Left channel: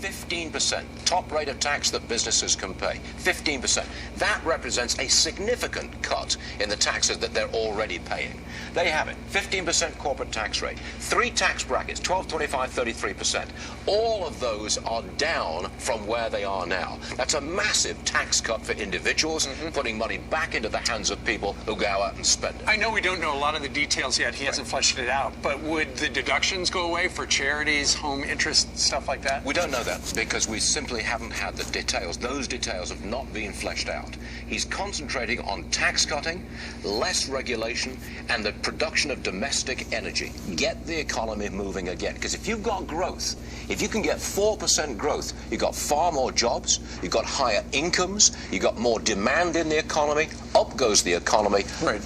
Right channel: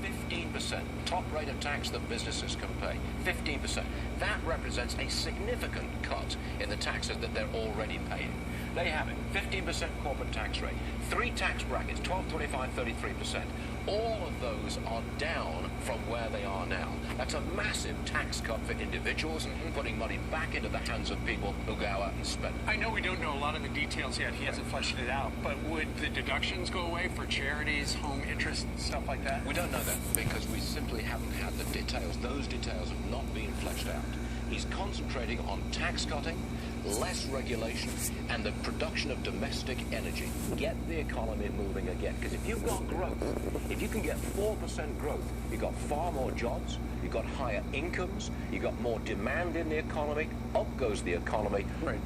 15%, top rate of tax that businesses can pay, 15%. That represents a significant cut in the taxes that they're already paying. There you have it, 15% corporate tax rate. 3 tax brackets, 12, 25, 33%. All of those are down from where they are now. That's a massive tax cut for individuals, putting money back into the hands of people who go out and spend it. I know we don't know a lot of the details yet. He hasn't fleshed it out. But would the deductions go away for charities, home interest, stuff like that? We don't know that because we simply haven't had the details. Those details have not been fleshed out. He's concentrating on tax cutting, less regulation, and the production of domestic energy. Get the economy moving again. Because if you've got growth, if you can get 4% growth, you've got far more jobs, you've got higher incomes, you've got more demand in the economy, up goes the economy. Right.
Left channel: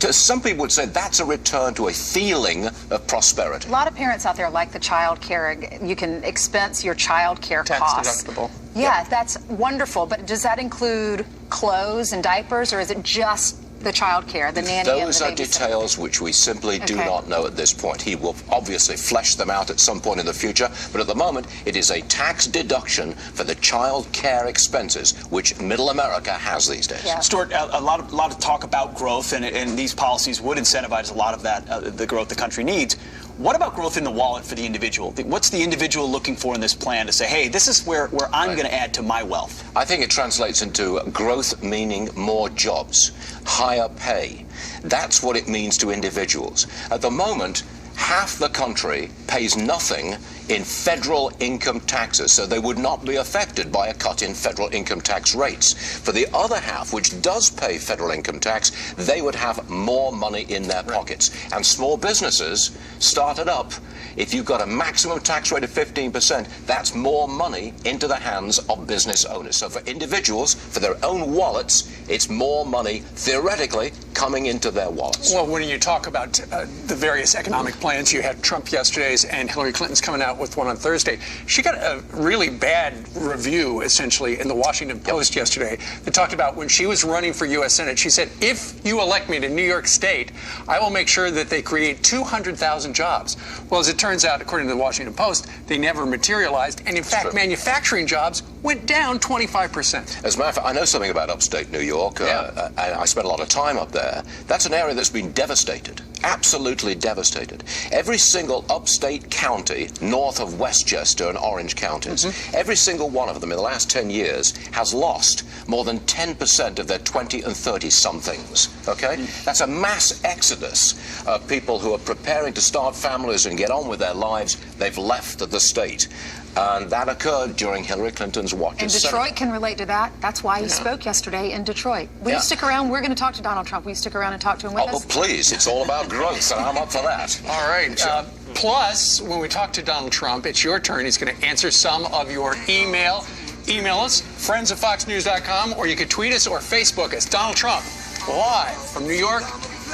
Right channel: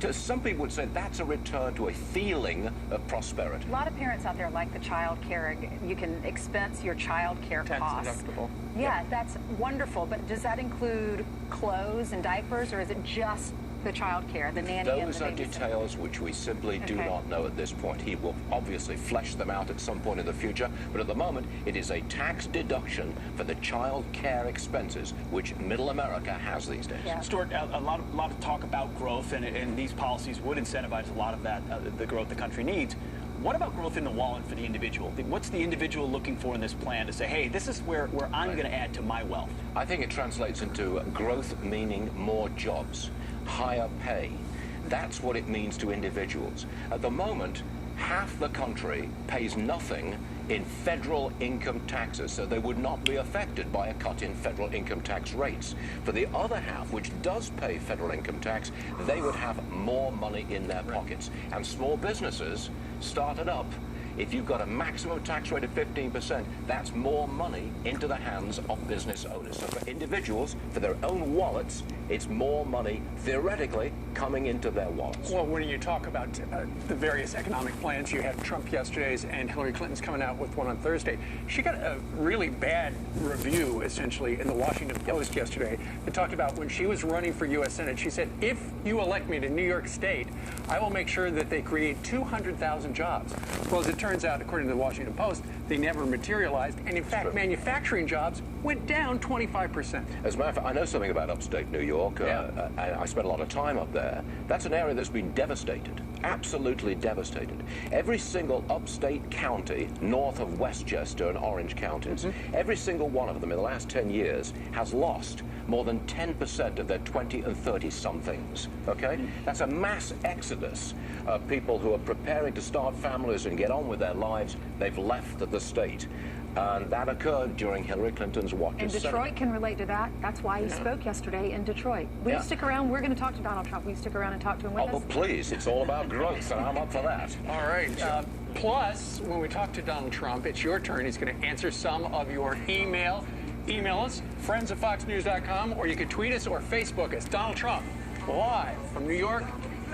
Some people would say that's a return to a feeling of prosperity. A lot of parents out there like the child care. You can expense your child care costs. Tax deductible. Yeah, that's wonderful. But does that include clothes and diapers, or is it just the child care, the nanny and the Those are babysitter? details which we simply do not know at this point. He will obviously flesh them out at some point in the future, but at the moment it is a tax deduction for the child care expenses, which middle America has these days. Yeah. Stuart, a lot of talk about growth, and these policies would incentivize a lot of that, the growth the country needs. What about growth in the wallet for the individual? What's the individual looking for in this plan to say, hey, this is where I'm going to add to my wealth? I think it translates into growth meaning more jobs, higher pay. That's what it means to individuals. At the moment, half the country pays nothing in federal income taxes, so they would not be affected by a cut in federal income tax rates. For the other half, which does pay federal income tax, they would have more money in their pockets. And small businesses started up. If you've got a maximum tax rate of 15%, that's more money into the hands of business owners. So for individuals, for their own wallets, it's more money, theoretically, coming into their wallets. Well, when you talk about the various economic plans, you had Trump yesterday's and Hillary Clinton's coming out with one on Thursday. She got a really bad review, essentially, in the Washington Post yesterday that talked about when she was running for U.S. Senate. She said, if you elect me to New York State, I will make sure that they create 200,000 jobs. Well, as it turns out, according to the Washington Post, they never materialized. And in fact, manufacturing jobs went down 25%. As a matter of fact, I know something about upstate New York. And I spent a lot of time up there. That's an area that's been devastated, absolutely devastated. Every single upstate county north of Westchester and Orange counties, every single one of them in the last 10 years has lost more than 10% of their 20 and 30-somethings, okay? That's a mass exodus of people who are preparing to start families and get on with their lives. They've left the state. And that occurred during Hillary Clinton's watch. And Detroit can relate to that. That's why he spoke yesterday in Detroit. Will you stick around? We're going to talk to Donald Trump. Will you stick around and talk to him with us? Oh, please. It's all about growth, and I'm up for that. All right. Plus, when we talk to Donald Trump, it's your turn. He's going to answer some of your email. Email us, friends@foxnews.com, or you can tweet us or Facebook us. Donald Trump, live from New York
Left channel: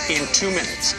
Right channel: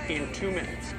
in 2 minutes.